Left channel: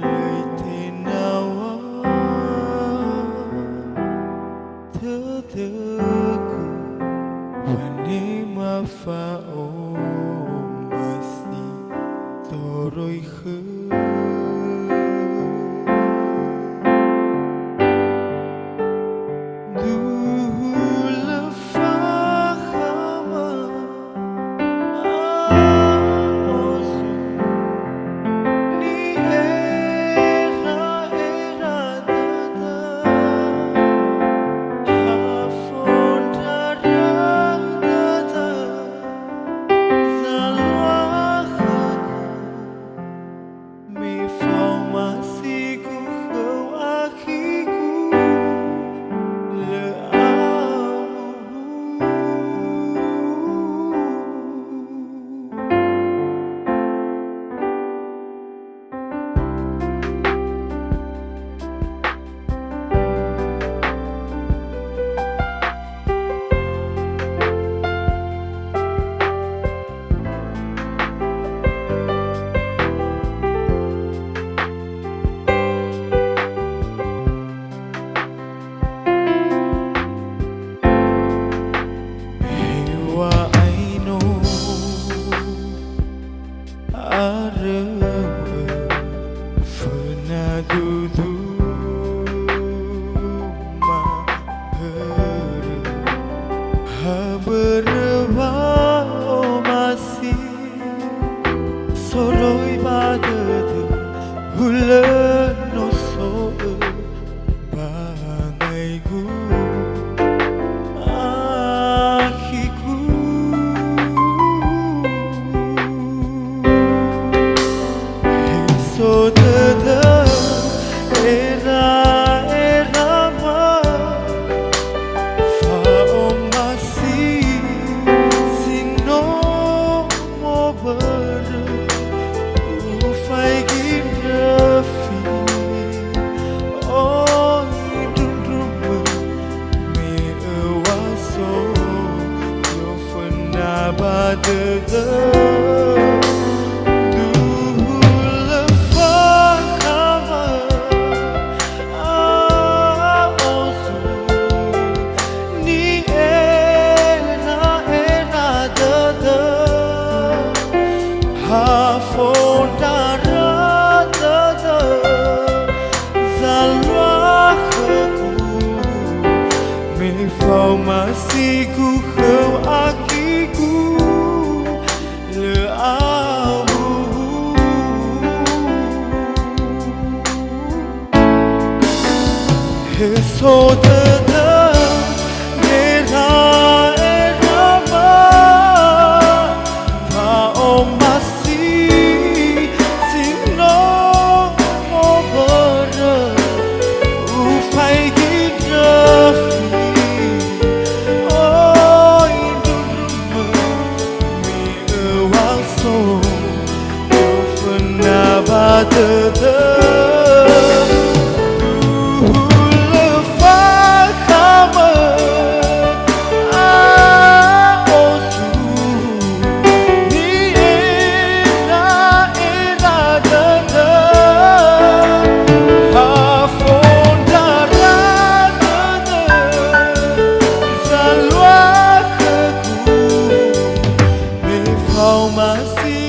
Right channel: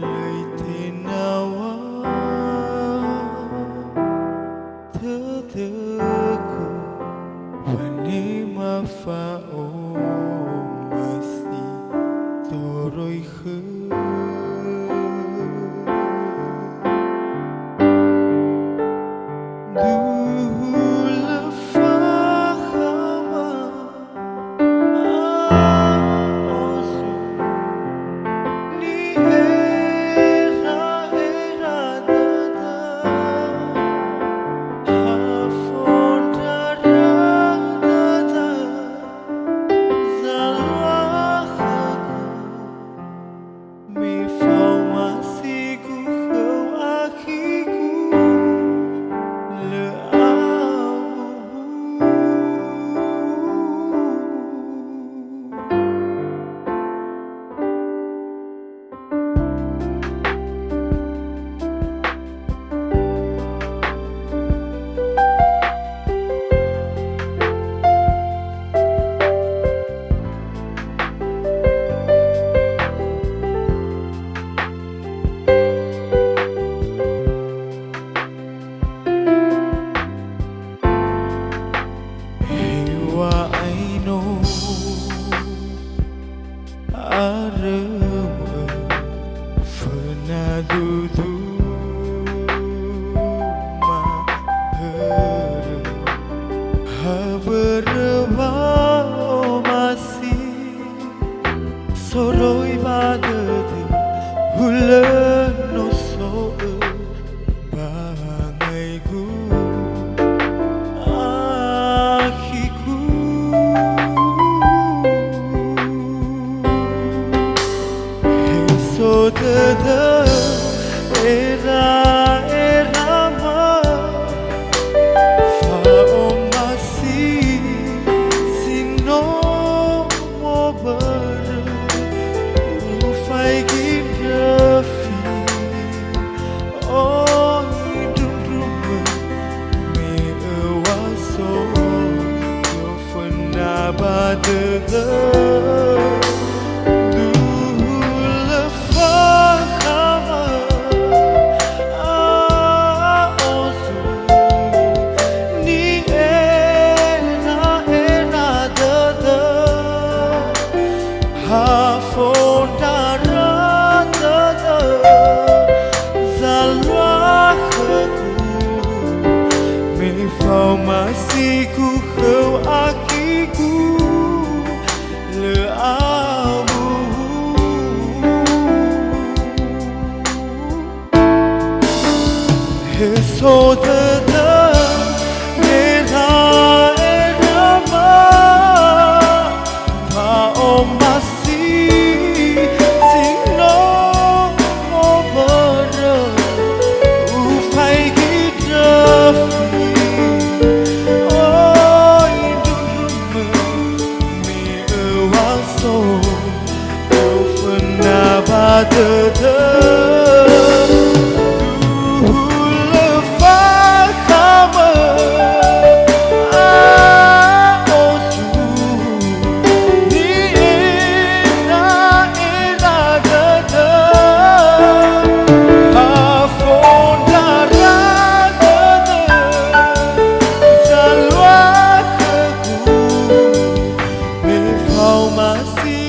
lời thế nào terteku wani mafao masih toroi khơi soroi badadu hulen no so bangai gu akiku so tetap era ma fao masih sino mo ber fai kim fi oh dum dum me wa so yo fana ba de Fau masih ku khâu akiku le abu so tetap nera erama fau masih sino mo ber ufai gidafi tetap dulu fakama osu ni era tetap hafon darah tetap salwa keku me fau masih